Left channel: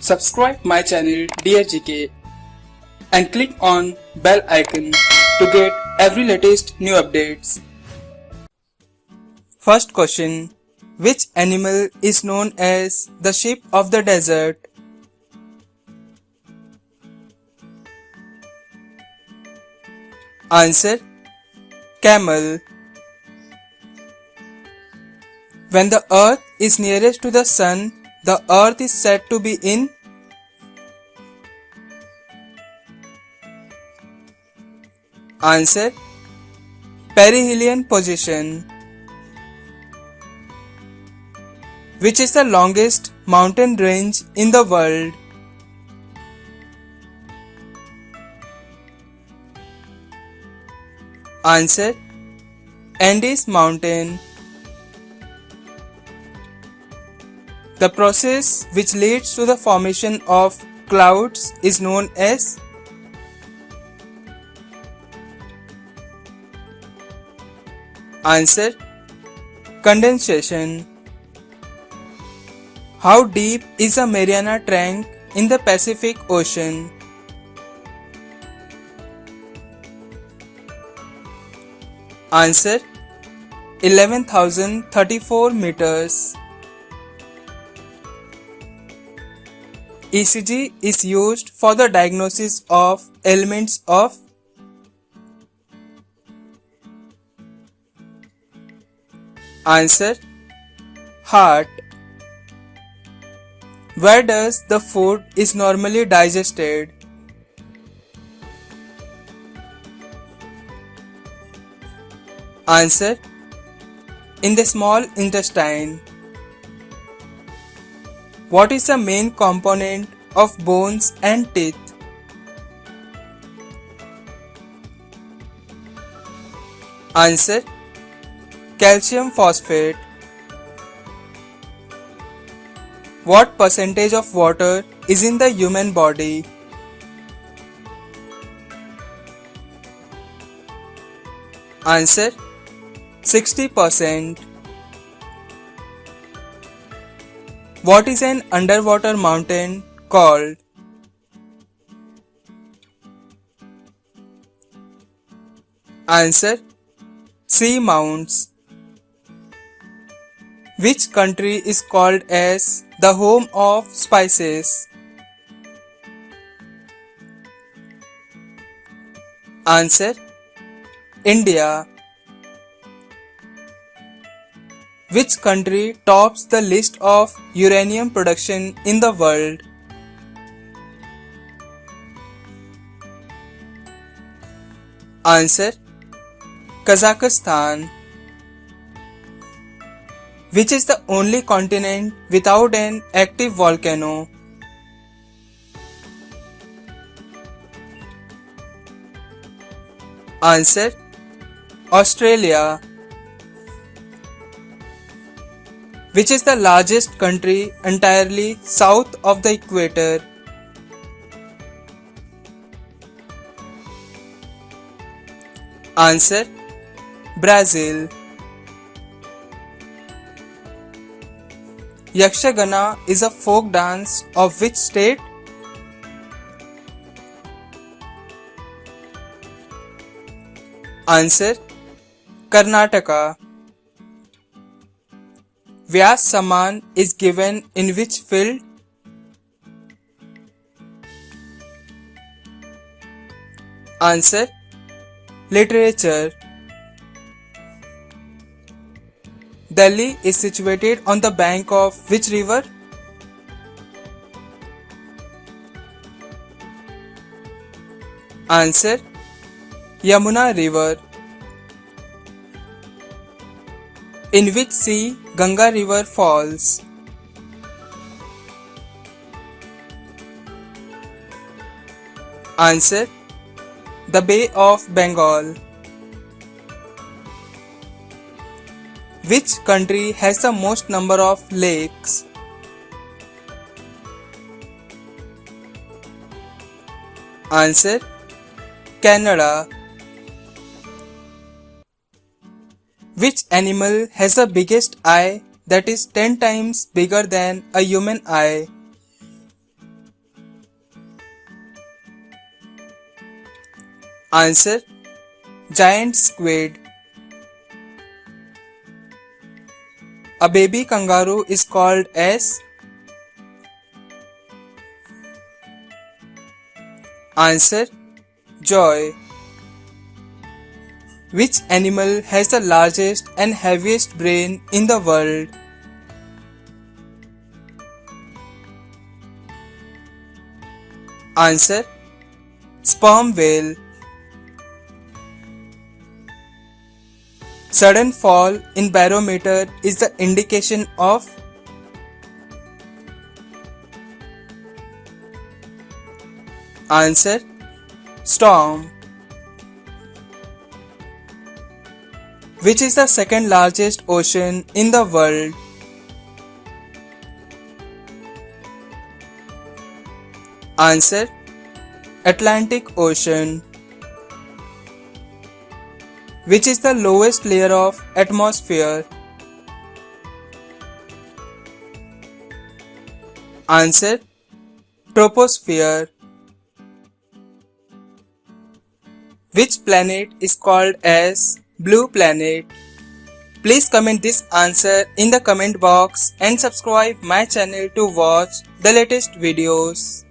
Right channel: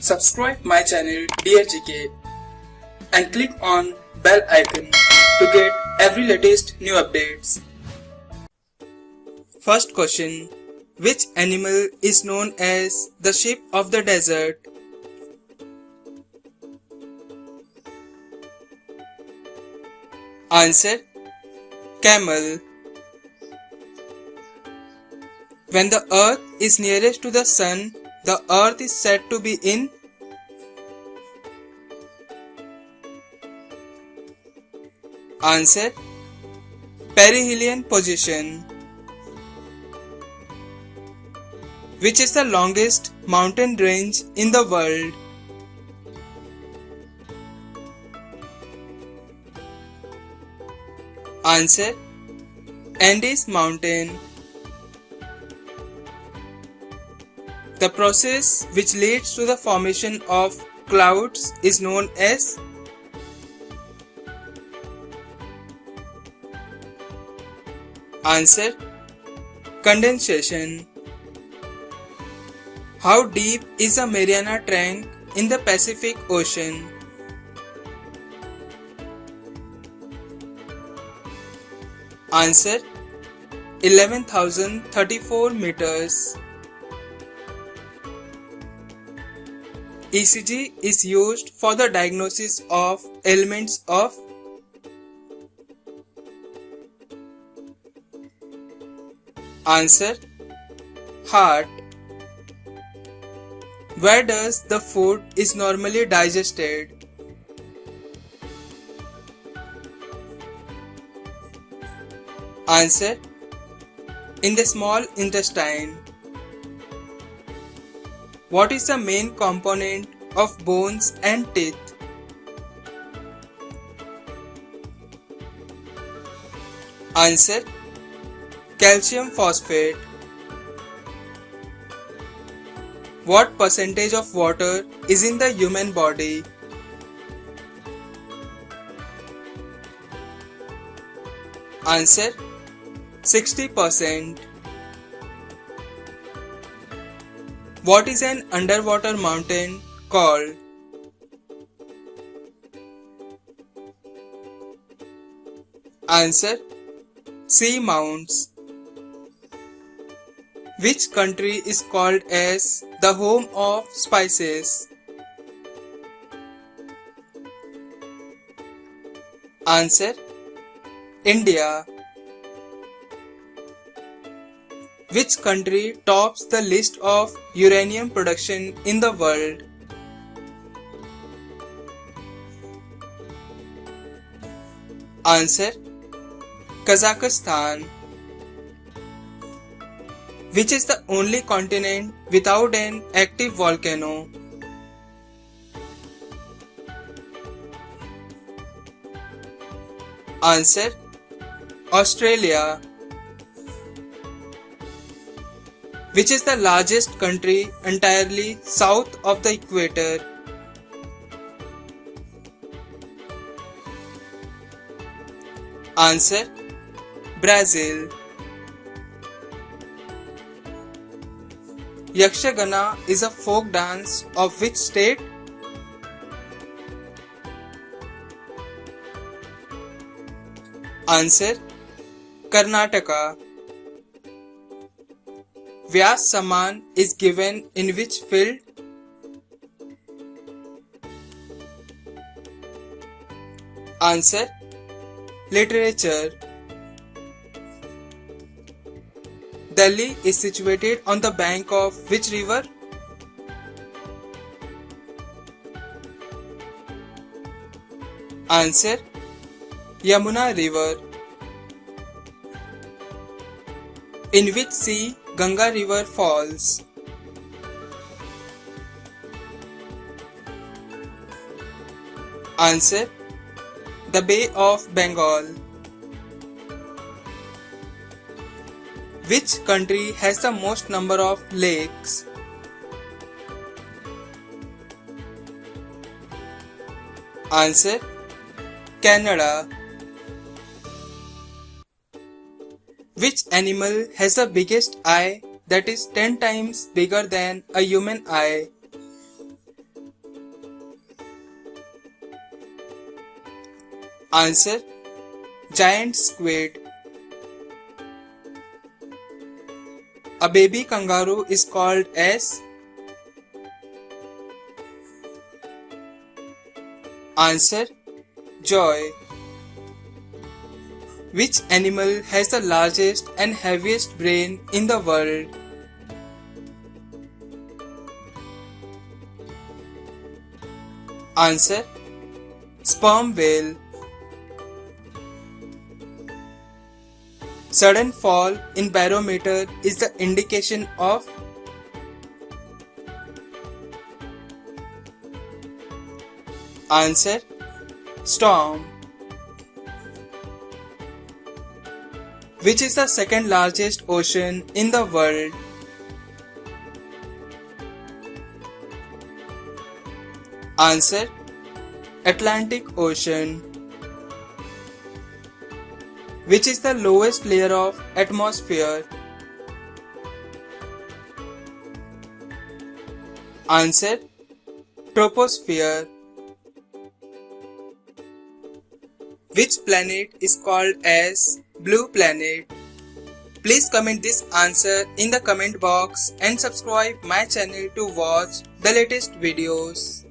Subscribe my channel Dear GK and click on bell icon to get every latest new updates. First question. Which animal is known as the sheep of the desert? Answer. Camel. When the earth is nearest to the sun, the earth is said to be in Answer. Perihelion position. Which is the longest mountain range in the world? Answer. Andes Mountain. The process which leads to the formation of clouds is known as Answer. Condensation. How deep is the Mariana Trench in the Pacific Ocean? Answer. 11,034 meters. ECG is used for the diagnosis of ailments of Answer. Heart. Where does the food is normally digested? Answer. In the small intestine. What is the main component of bones and teeth? Answer. Calcium phosphate. What percentage of water is in the human body? Answer. 60%. What is an underwater mountain called? Answer. Sea mounts. Which country is called as the home of spices? Answer. India. Which country tops the list of uranium production in the world? Answer. Kazakhstan. Which is the only continent without an active volcano? Answer. Australia. Which is the largest country entirely south of the equator? Answer. Brazil. Yakshagana is a folk dance of which state? Answer. Karnataka. Vyas Saman is given in which field? Answer. Literature. Delhi is situated on the bank of which river? Answer. Yamuna River. In which sea Ganga River falls? Answer. The Bay of Bengal. Which country has the most number of lakes? Answer. Canada. Which animal has the biggest eye that is 10 times bigger than a human eye? Answer: giant squid. A baby kangaroo is called as? Answer: joy. Which animal has the largest and heaviest brain in the world? Answer: sperm whale. Sudden fall in barometer is the indication of? Answer: storm. Which is the second largest ocean in the world? Answer: Atlantic Ocean. Which is the lowest layer of atmosphere? Answer: troposphere. Which planet is called as blue planet? Please comment this answer in the comment box and subscribe my channel to watch the latest videos.